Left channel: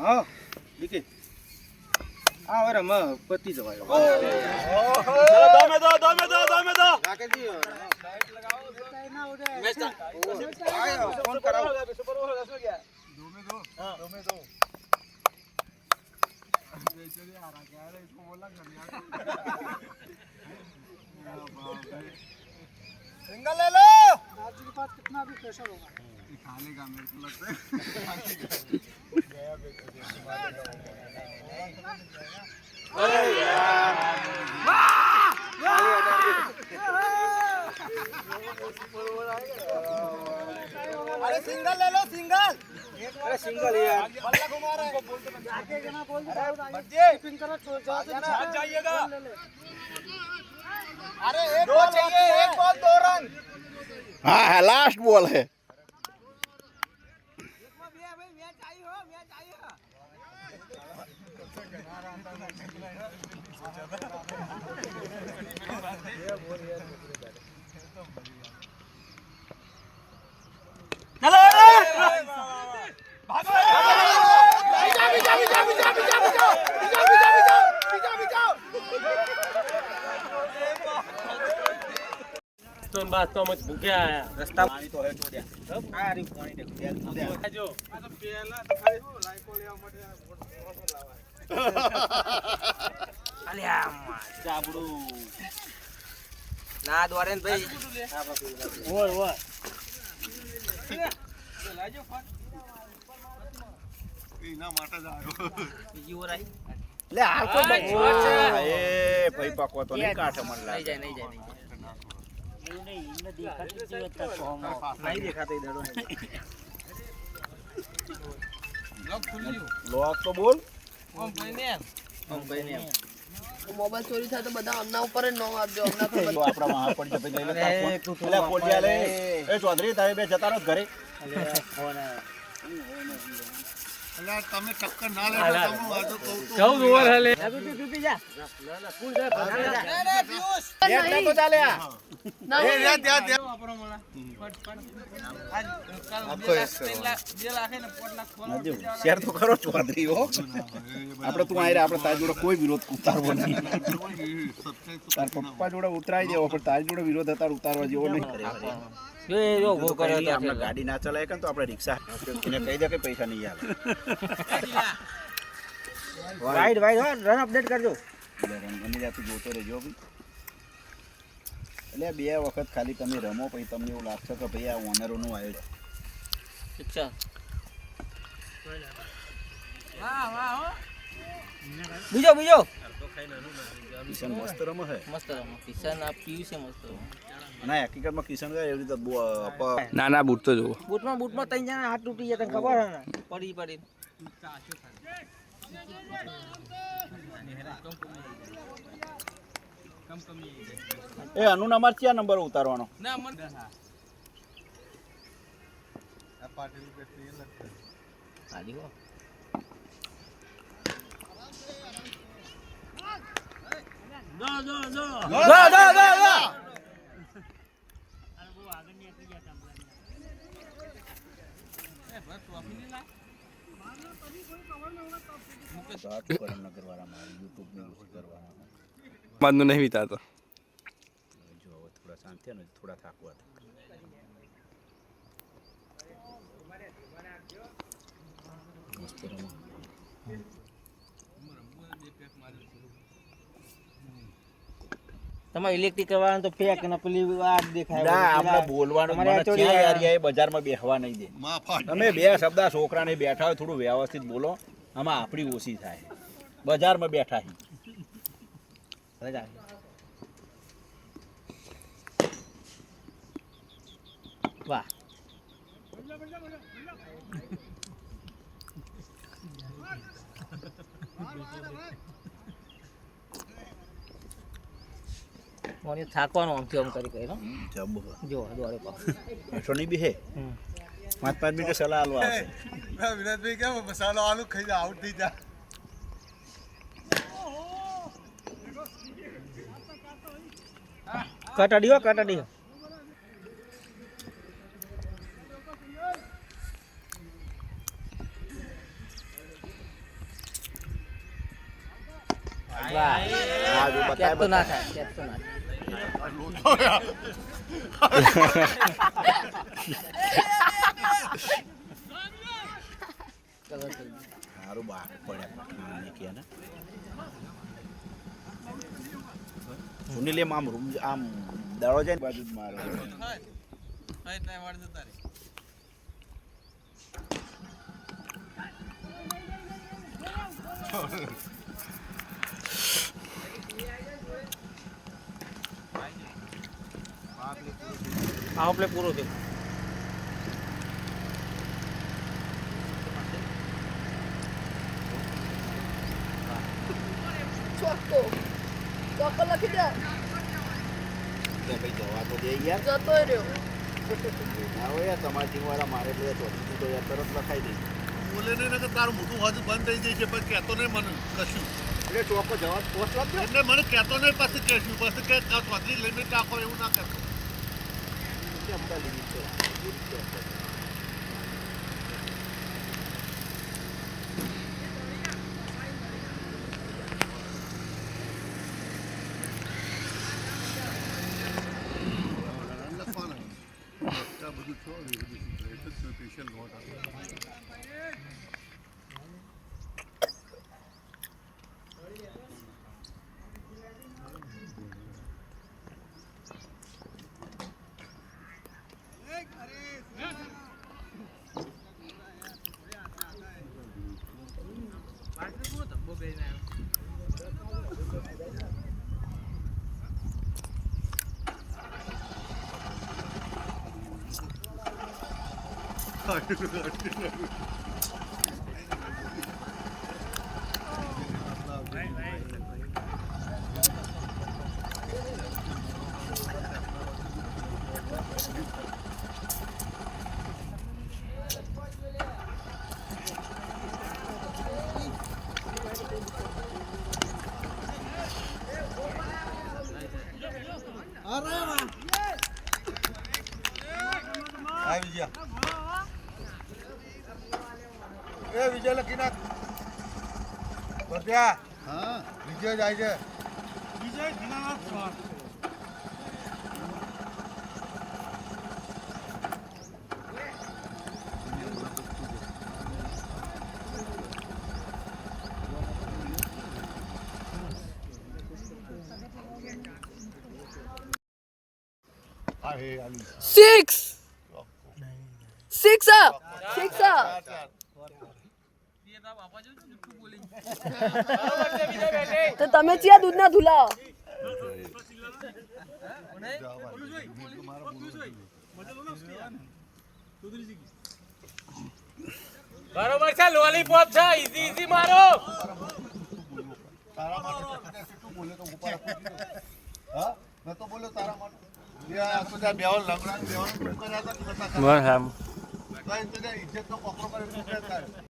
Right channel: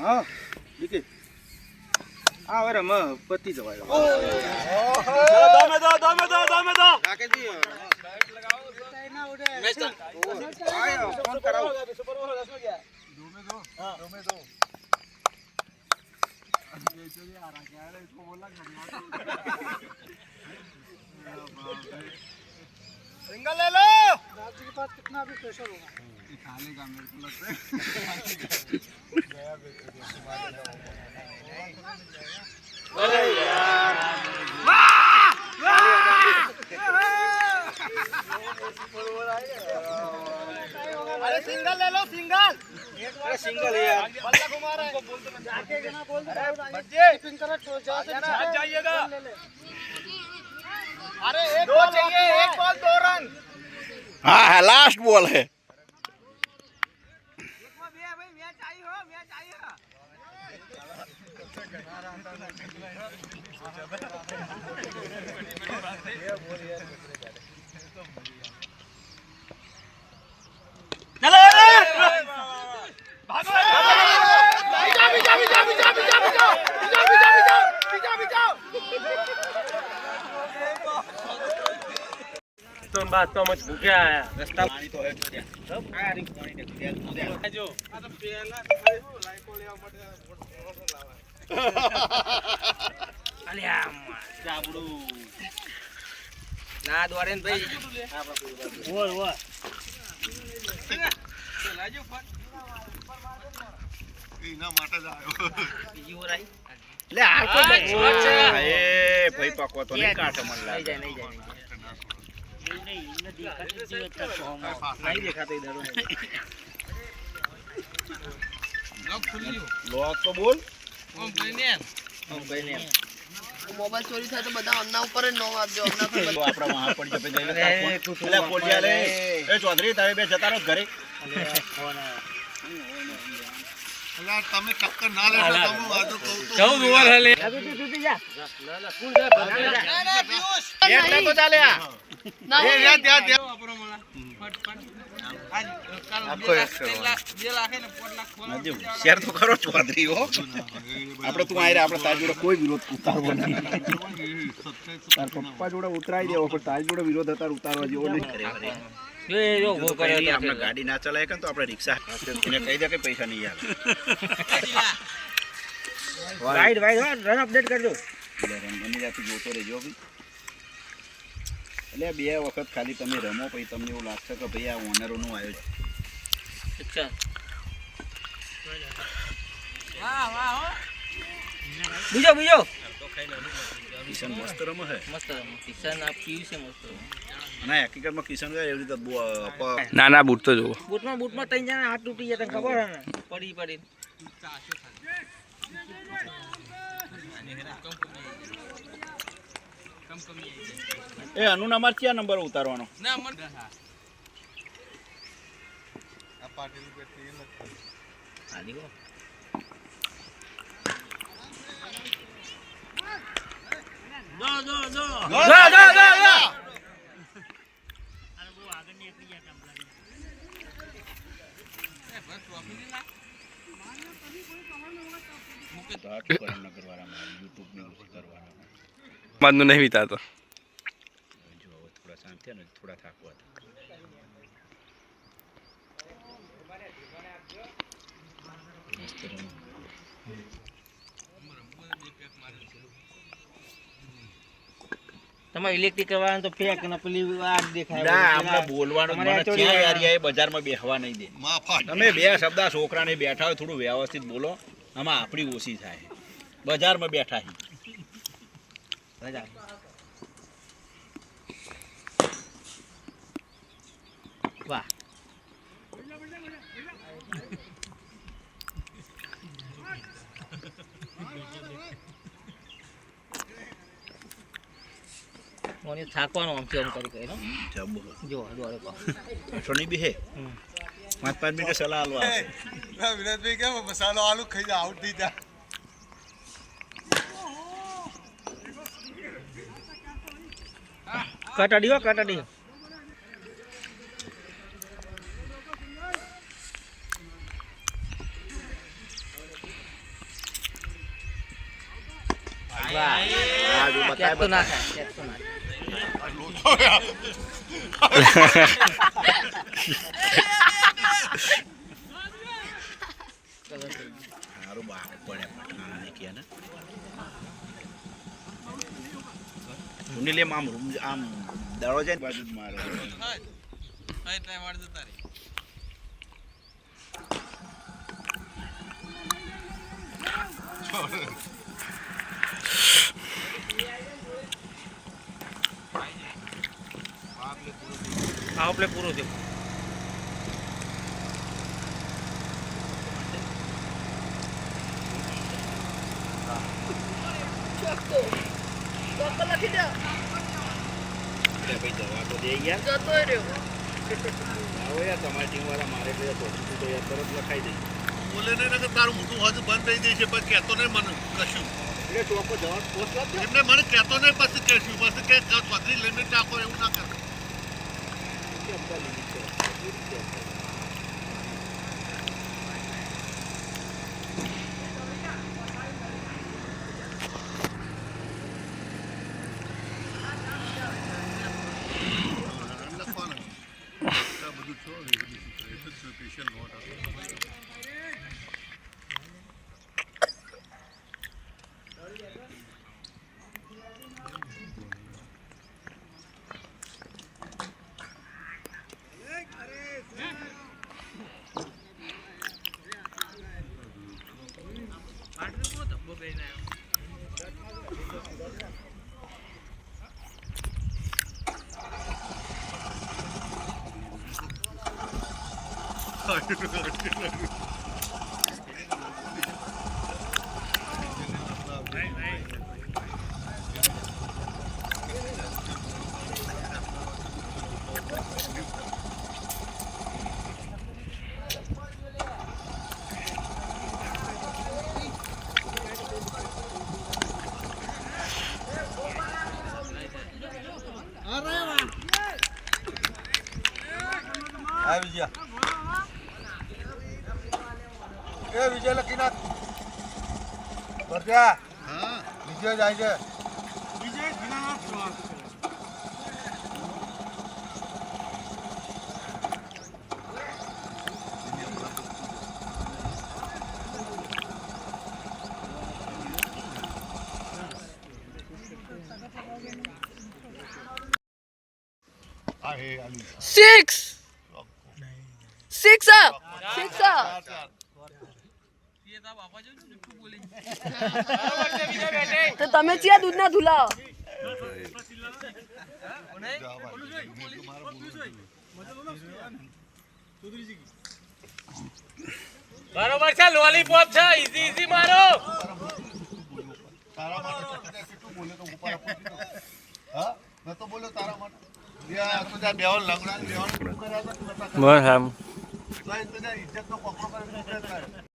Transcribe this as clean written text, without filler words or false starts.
હા દીકે આ વરે મ પતિ જવાય દમે દો રાખે દી ના ઉડે ફોન કરાવો સુપર ઓવર હસો ગયા દમે દો बेचारे आ रहा क्या है इसको बोला सिंगल ले लो राजू के पास कितना भी प्रेशर होगा ये खा लेगा मेरे को लगता है गया अरे यार अरे सिंगल ले लो सिंगल अरे सिंगल है यार बल्ला घुमा रहा है जाके ना बोल दे बच्चे पिन कर छोड़ जाओ से जाइएगा अरे एक बॉल चाहिए एक बॉल 2 रन हाँ है लास्ट बॉल है तो बात तो मच भूखे आया रास्ता पानी तो है छोड़िया सब आ रही पानी ने दिया तो दे जो आ तो पहला लाइको ले मत अलिया चाबड़ू ना द्वारे ने भाई वो लाजो फोन ઈના માટે જ આવ્યો બીજી ઓર આવી લે હાલ કોઈ એ ભાઈ પાકો તો નહીં કાઠ મન લાગે નહીં જાય नहीं दिखाते जीवत का फॉर्म नहीं दिखाते इधर लॉक खुल लियो लॉक तो बोल हम भाई ने मोबाइल चोरी था तो बता अन्ना ऊपर नो आप दो अन्ना तो लो આપડા વહાં પડી જપે જઈને એટલે પોલિયા લે એ ચૌધરી તારે બે જતા રહો ઘરે ફોન અલા તમે ટક્કર ના લેતો તમે વાતો કહું તો 14 ઓવર હલે તું જા ના કુલ જા ના પિયુષ બેટ તો ચાલે આ એ યાદ આપણો મોળા આખો એક કરો 2 લાખ ને 5 લાખ ખોલા નદી શેર તો કરો ચૌધરી હો આપણે તું આયરા આપણે તાર જોડે કોઈ વિરોધ ઉતારવો નહીં તાર પપ્પા જોડે ઉતરાઈ દેવો પણ તાર જોડે વિરોધ હતા ઉતારવા જેવો નહીં એ જો ગો કરે તો આપણે ગાડી ના ચલાય કે તો આપણે રિક્ષા એને કહી દે કે પૈસા નહીં આલે વાઈડ રન અપડેટ કરજો રન બની જાતી જોતો રહેજો ભઈ એટલે બે વખત ખાલી તમે રમો પછી તમને એવું લાગશે કે ભાઈ આ ઓનરોનું આયોજન શિક્ષા બીજો કિશન મસ્ત રમે છે કિશન આપ પીયુ છે મસ્ત ના હકીકતમાં કિશન એવી રીતે ના ના બૂટ તો જોવો બૂટમાં તઈ જણા હાથ તૂટી જાય તને ખબર હે ને પડી એ અનુ નંબર ક્યાં નંબર ઉતારવાનો ના મન આ પાટીલ બેઠી નથી આલી હો દો અરે બહુ આગળ ની એકલી ગયા કામ એ બસ ટ્રોફી ની ના મારना तभी कोई कवर में होगा तब मुके साथ करना करवाना YouTube में कुछ करवाना માનનું નહીં વિતાતો જો થોડા શાંત થયા ને થોડા થાકવા તમારે ઇલેક્ટ્રિક કરવાનું તો ફેક ને પેલી આગ દેખાય ના આપણે બોલવાનું મને ક્યાં એરિયાએ બજારમાં બેહવા નહીં દે તમે બે શબ્દ છોકરાને બેઠા હોય થોડું વ્યવસ્થિત બોલો આમાં આપણી ઓછી થાય બજારમાં બેઠા વાહ મોની થાકવાનો આમ કેમ કરી કહે જબ જો દોરે કો છોની બી હે 5 મિનિટ સલાહ આલવા આવશે વિનોદભાઈ કેમ મસાલો આલુ ખાઈ જા આઉટ થઈ જા કટાડી હા જો બતાય બતાય સારું બાપ પડે પઠાણ કે ને સુનિલ એમ આમ દાડો જાય ને બાજુ જ મારે આવો પ્લે પૂરો થયો ચોક્કો લખી દે ભાઈ જવા તો દે યાર જતો રહ્યો ના હોય યાર તમારી ટીમ વાળા મારે એટલે તો તો યાર તરત લખાઈ દે બોલે નહીં ને કે તારું મોટું હદ બંધ થઈ જશે પણ કહેતો નહીં મને કશું એટલે ચોખ્ખો જવાબ પોસ્ટ લાગજો એમને મને કહેતો નહીં પછી કહેશું પછી કે ચોથી લિમિટ રાખો એવું ના કરતો વિજય લખી નાખ હા વિજય જાય છે વિજય સિક્સ સિક્સ સિક્સ તો તમે ચિયા દૂધ ના ધુલાવો બરોબર છે લોલીપોપ છે ઈઝી ઈઝી મારો તારા માટે કેટલું બોલે તો ઉપર હા મેં તો બોલ્યો તારા માટે યા તો જા બેવન લંગડા બેવન બસ એમ તો ઇજ્જત નો કોકરો કરે